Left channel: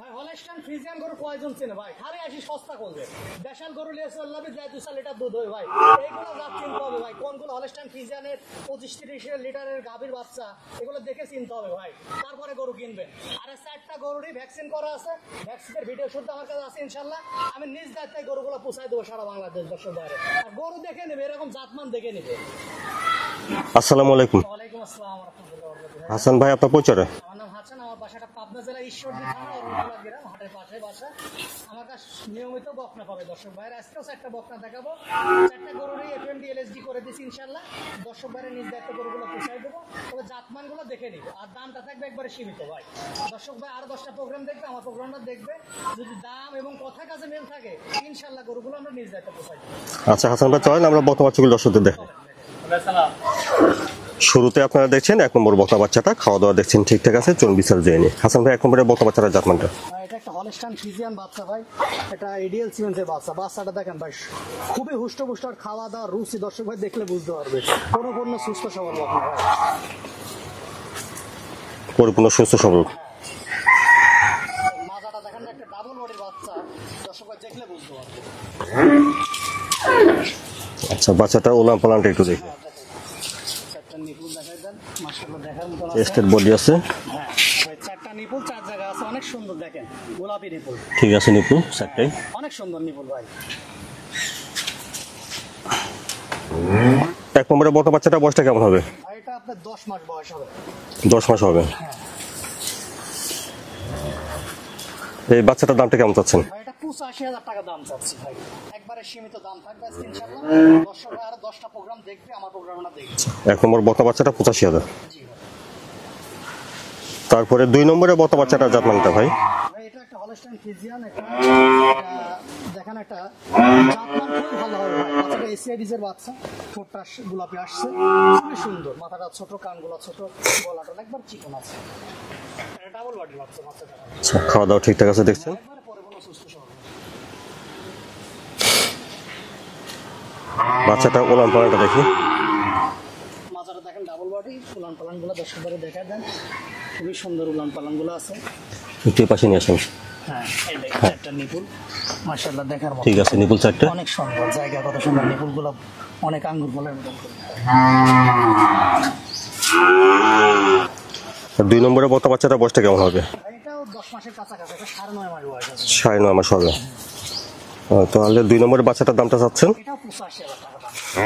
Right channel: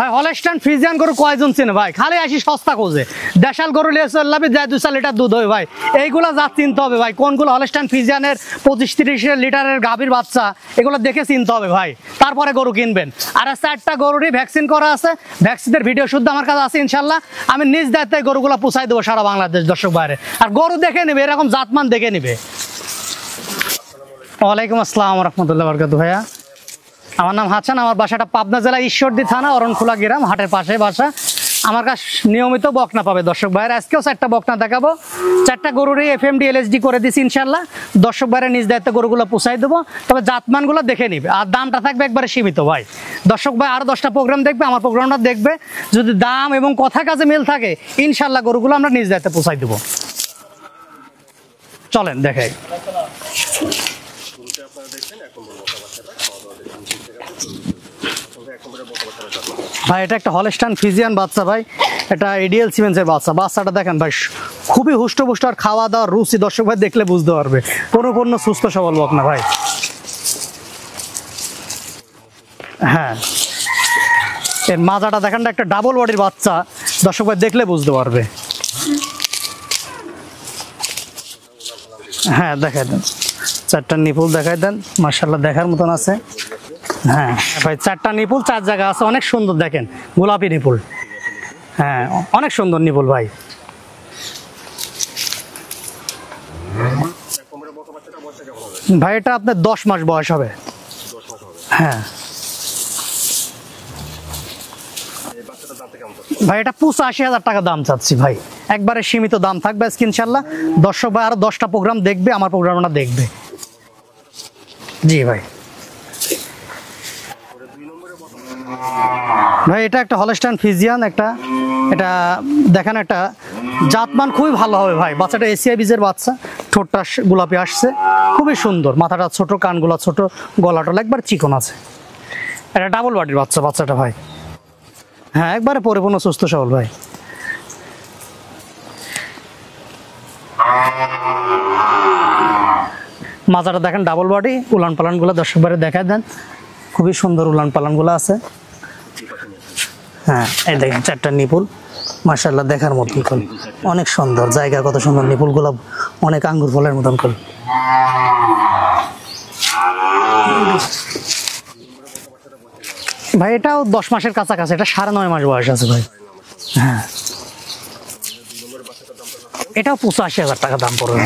ভাই Holstein Friesian গরু কয়জন চেনে ভাই? খালি আসি সস্তা খোঁজে। দেশাল গরু লিয়ে চললাবে যায় 2 লিটার দুধ হয় ভাই। এইগুলা জাত চিনতে হবে ভাই, কোনগুলো হলস্টাইন ফ্রিজিয়ানের 25-30 লিটারের গাভীর বাচ্চা, এগুলো দেখে চিনতে হবে ভাই, তারপরে গরু কিনবেন। আর 4টা গরুরই ভ্যাকসিন করা আছে, ভ্যাকসিনের ভিডিও শুদ্ধ আমার কাছে আছে ইনশাল্লাহ। আমি নিজ দায়িত্বে গরুগুলো পুষাই দেবো সারা বাংলাদেশ দর্শক বাইরে। আর গরু দেখে নিবে, এরকম জাতমান দেখে নিবে। আসসালামু আলাইকুম। ওয়ালাইকুম আসসালাম ওয়া রাহমাতুল্লাহি ওয়া বারাকাতুহু। ভাইয়া হাসান ভাই, আপনার পরিচয়? আমার নাম হাসান, আমার বাসাটা পাবনা জেলা ঈশ্বরদী থানা অরণখোলা গ্রাম, হাটের পাশে বাসা। আমার কাছে নিয়মিত বকনা পাবে দর্শক ভাইয়ের। আজকেও 4টা বকনা দেখাবো, 4টা গরুরই এফএমডি এলএসডি করে দিছি ইনশাল্লাহ। দর্শক ভাইয়ের নিজ দায়িত্বে গরুগুলো পুষাই দেবো, তবে জাতমানগুলো দেখে নিবে। আর দামটা থাকবে একবারে সীমিত ভাই। দর্শক ভাই আরো 10টা প্রোগ্রাম দেখবে, আমার প্রোগ্রামটা দেখবে, যদি দাম এবং কথা কাজে মিল থাকে ইনশাল্লাহ গরুগুলো আমরা নিজ দায়িত্বে পুষাই দেবো। আচ্ছা হাসান ভাই, চলেন আমরা বকনা বাচ্চাগুলো দর্শকদের দেখাই। চলেন দেখাই। শুরুতে আপনারা দেখছেন 1 নম্বর বকনা বাচ্চাটা, খাওয়া দাওয়া দেখছেন ঠিকঠাক আছে, চলুন বিচার জেনে নিই। হাসান ভাই, 1 নম্বরের বকনা বাচ্চাটা জাতমানটা? ভাই এটা একটা হলস্টাইন ফ্রিজিয়ান বাচ্চা ভাই, এটা এডিএল সিমেন্সের বাচ্চা। বাচ্চাটা দেখেন ভাই, খুবই হুষ্টপুষ্ট, আর খাওয়া দাওয়ার রুচি দর্শক ভাই দেখলে বুঝতে পারবে। পরিপূর্ণ সুস্থ সবল বকনা ভাই, পরিপূর্ণ সুস্থ সবল। হ্যাঁ, এর মাজাটা দেখেন, একটা ডাবল বডির বাচ্চা, দর্শক ভাই দেখলে বুঝতে পারবে। আচ্ছা, বাচ্চাটা ওলান পালানটা একটু হ্যাঁ দেখাই দেন, 4টা নিপুল দেখাই দেন, মাশাআল্লাহ দেখার মতন আছে। বডি আছে। হ্যাঁ ভাই, 4টা নিপুল 4 জায়গা আছে, অনেক সুন্দর দেখেন, গোলাপি নিপুল। ঠিক আছে নিপু। হ্যাঁ অনেক সুন্দর নিপুল ভাই। 1 নম্বরের বকনা বাচ্চাটা বয়সটা কেমন হবে? ভাই এটা আপনার 10 মাস বয়স হবে। 10 মাস হবে। হ্যাঁ এই বাচ্চাটার দামটা কেমন চাচ্ছেন? ভাই এটা 85,000 টাকা দাম চাচ্ছি ভাই, একবারে সীমিত দাম থাকবে আজকে ইনশাল্লাহ। দর্শক ভাই আরো 10টা প্রোগ্রাম দেখবে, আমার প্রোগ্রামটা দেখবে। 1 নম্বর বকনা বাচ্চাটা 85,000। জি ভাই। তারপরে 2 নম্বরের বকনা বাচ্চাটা জাতমানটা ভাই? ভাই এটা একটা হলস্টাইন ফ্রিজিয়ান, এটা দেখেন একটা জাতমান খুবই ভালো হবে ভাই। বাচ্চাটা এশিয়া বীজের বাচ্চা, ঠোঁটটা গোলাপি আসছে, খুবই সুন্দর, মাথাটা ছোট, কানগুলা ছোট, গলাটা একবার চিকন আছে। এটা ডাবল বডির বাচ্চা, বাচ্চাটা ভাই। খাওয়া দাওয়া ঠিকঠাক আছে দেখছি? হ্যাঁ একবারে পরিপূর্ণ সুস্থ সবল ভাই। বাচ্চাটা ওলান পালানটা দেখি। মাজাটা দেখেন ডাবল বডি, উলান পালান গুলো দর্শক বারে দেখা দেন, খুবই সুন্দর উলান পালান গুলো আছে। একটু পাশে নিয়ে আসেন। হ্যাঁ এই দেখেন 4টা নিপুল, মাশাআল্লাহ দেখার মতো। ঠিক আছে, নিপুল 4টা অনেক সুন্দর, জায়গা কত সুন্দর, নিপুল গুলো অনেক আঙ্গুর ফলের মতন করে। 2 নম্বরের বকনা বাচ্চাটা বয়সটা কেমন হবে? ভাই এটাও 10 মাসের কাছাকাছি, এটা 9.5 মাস বয়স আছে ভাই। 9.5 মাস হবে। হ্যাঁ তাহলে 2 নম্বরের বাচ্চাটার দামটা চাচ্ছেন? এটাও 85,000 টাকা দাম পড়বে।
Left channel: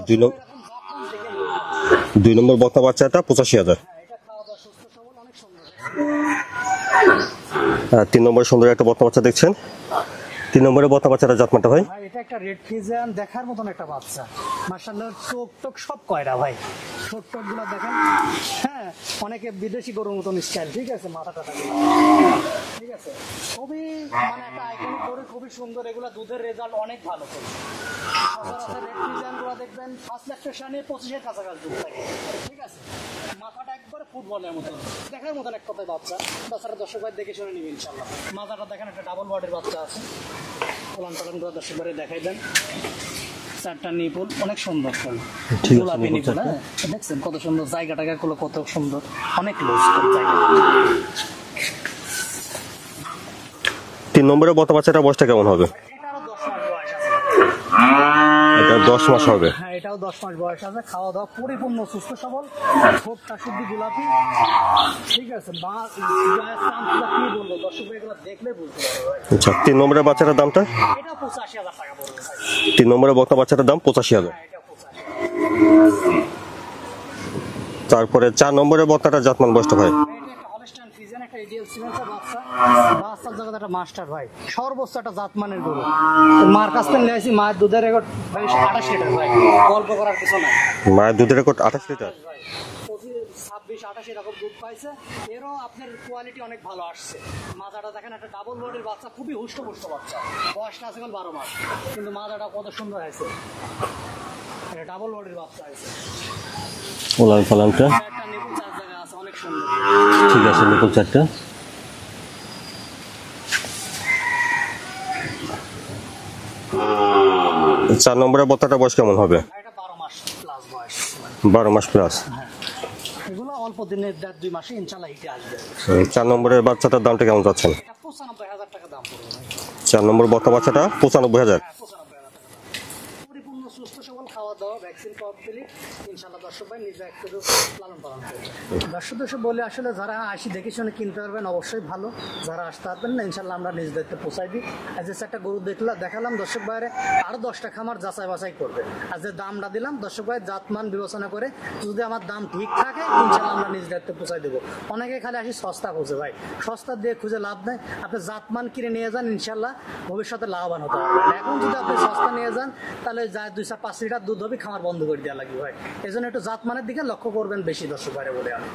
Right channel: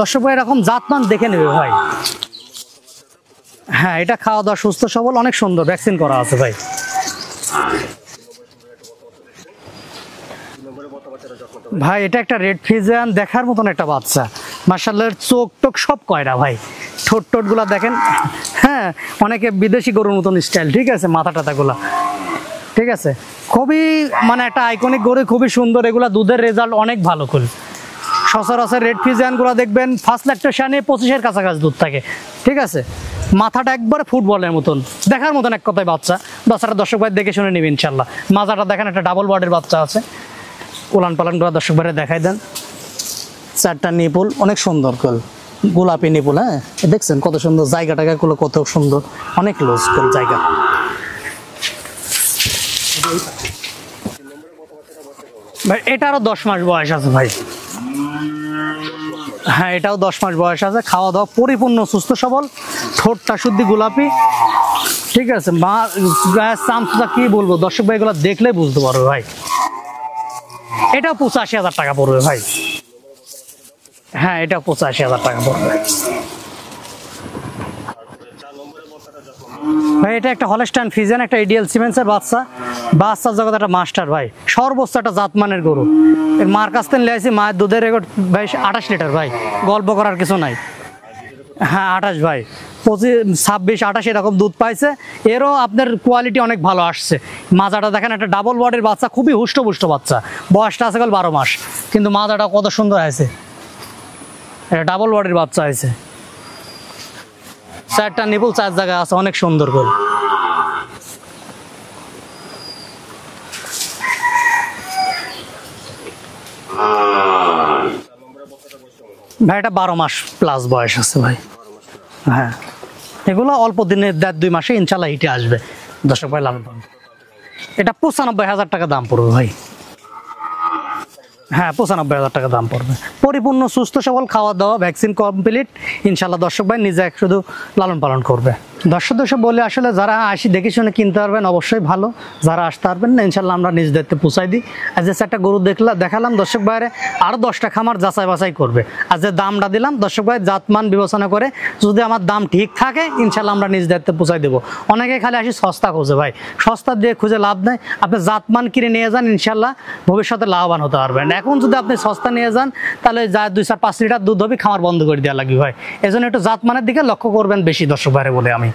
দর্শক ভাই এরকম জাতমান দেখে নেবে ভাই। 2 নম্বর বকনা বাচ্চাটা 85,000। হ্যাঁ এটা খাওয়া দাওয়া সুস্থ সবল, অনেক সুন্দর, ভ্যাকসিন করা আছে ভাই। 3 নম্বরে সুন্দর একটা বকনা বাচ্চা দেখছেন। 3 নম্বরের বকনা বাচ্চাটা জাতমানটা ভাই? ভাই এটা একটা রেড ফ্রিজিয়ান, দেখার মতন একটা বাচ্চা, মাশাআল্লাহ চোখ টোক সব কয়রা ভাই, ঠোঁট টোট গুলা দেখেন। হ্যাঁ অনেকে বিদেশি গরুর মতন স্টাইল, ঠিক আছে, মাথা টাথা গুলা ঠিক আছে, খুবই মানে একটা আইকনিক গরু, খুবই সুন্দর। এগুলা দুধের রেজাল্ট অনেক ভালো করে। সচরাচর রেড ফ্রিজিয়ান গুলা দেখবেন ফার্স্ট ল্যাকটেশনে 25-এর কাছাকাছি দুধ থাকে, ঠিক আছে। মাথাটা একবারে ফুটবলের মতন, দেখার মতন এক কথায় বাচ্চা। বাচ্চাটা দর্শক ভাই দেখে শুনে নিবে ইনশাল্লাহ। মাজাটা দেখেন একটা ডাবল বডির বাচ্চা আছে, উলান পালান গুলা দর্শক ভাইরে দেখাই দেন। 4টা নিপুল অনেক সুন্দর, গোলাপি নিপুল। হ্যাঁ দেখছেন কত সুন্দর, জায়গাটা গুলো কত সুন্দর, অনেক লুজ করে জায়গা। 3 নম্বরের বকনা বাচ্চাটা বয়সটা কেমন হবে? ভাই এটা আরো 10 মাস বয়স আছে ভাই। এটা 10 মাস হবে। হ্যাঁ এটাও 10 মাস বয়স আছে, খাওয়া দাওয়া পরিপূর্ণ সুস্থ সবল, ঠোঁটটা শুদ্ধি গোলাপি, ঠিক আছে। মা চামচা কি বলবো, দর্শক ভাই এগুলো দেখলে বুঝতে পারবে ভাই। আচ্ছা, 3 নম্বরের বাচ্চাটার দামটা? এটাও 85,000 টাকা পড়বে ভাই। 3 নম্বরের বকনা বাচ্চাটার দাম 85,000। হ্যাঁ এটাও 85,000 টাকা পড়বে। তারপরে 4 নম্বরের বকনাটা জাতমান বয়সটা ভাই? ভাই এটা একটা হলস্টাইন ফ্রিজিয়ান, একটা এডিএল সিমেন্সের বাচ্চা। বাচ্চার জগৎ একটা মাস্টার ভাই, সর্বোচ্চ একটা জাতমানের গরু। মার কাছ থেকে লেছি, মায়ের দুধের রেকর্ড ভাই 28 লিটার ভাই, গল্প করার কিছু নাই। মায়ের দুধের রেকর্ড? হ্যাঁ 28 ভাই, 25, 26, 28 এরকম দুধ পাইছে। এরও আপনার কোয়ালিটি অনেক ভালো আসছে। মাজাটা দেখেন একটা ডাবল বডির বাচ্চা, খুবই হুষ্টপুষ্ট বাচ্চা, বয়সটা আছে 12 মাস, কিন্তু মাজাটা কত সুন্দর আছে, এটা ডাবল বডির বাচ্চা আছে। ওলান পালানটা? 4টা নিপুল 4 জায়গা আছে, অনেক সুন্দর করে। ঠিক আছে, নিপুল 4টা। 4 নম্বরের বকনাটার বয়স কেমন হবে? ভাই এটা 12 মাস প্লাস বয়স আছে ভাই। 12 মাস প্লাস। হ্যাঁ এগুলো অল্প দিনে 1.5-2 মাসে ইনশাল্লাহ হিটে আসবে। 4 দর্শক ভাই, নম্বরের বাচ্চাটার দামটা কেমন যাচ্ছেন? এটা 95,000 টাকা দাম পড়বে ভাই। 4 নম্বর বকনা বাচ্চাটা 95,000। হ্যাঁ, 95,000 টাকা দাম পড়বে। পরিপূর্ণ সুস্থ সবল, খাওয়া দাওয়া ভ্যাকসিন কমপ্লিট, ইনশাল্লাহ দর্শক ভাই নিজে শুধু লালন পালন করবে। দর্শক বলে আসলে যারা আসি দেখে শুনে কিনতে পারবেন অবশ্যই ভালো, যারা আসতে পারবেন না ইনশাল্লাহ আমরা নিজ দায়িত্বে পৌঁছাই দিই। আর যে একটা গরু দেখালাম দর্শক ভাইরে, আরো 10টা খামার যাচাই বাছাই করবে। আর যে দামটা দিলাম দর্শক ভাই জাতমান বিবেচনা করে যদি আমার দাম ঠিক থাকে ইনশাল্লাহ আমরা নিজ দায়িত্বে পৌঁছাই দেবো। অনেকে খালি আসি সস্তা খোঁজে ভাই, সস্তা দিয়ে খুঁজে লাভ নেই। আপনি জাতমান কিনে নিয়ে যান, ইনশাল্লাহ ভবিষ্যতে লাভবান হতে পারবেন। এখন যদি আপনি সস্তা নিয়ে যান তাহলে যা 2-4-5 লিটার দুধ হবে, খামার বন্ধ করে দেওয়া লাগবে ভাই। এই জন্য একটু জাতমানের দিকে লক্ষ্য করবেন বেশি দর্শক ভাইরে বলে আমি।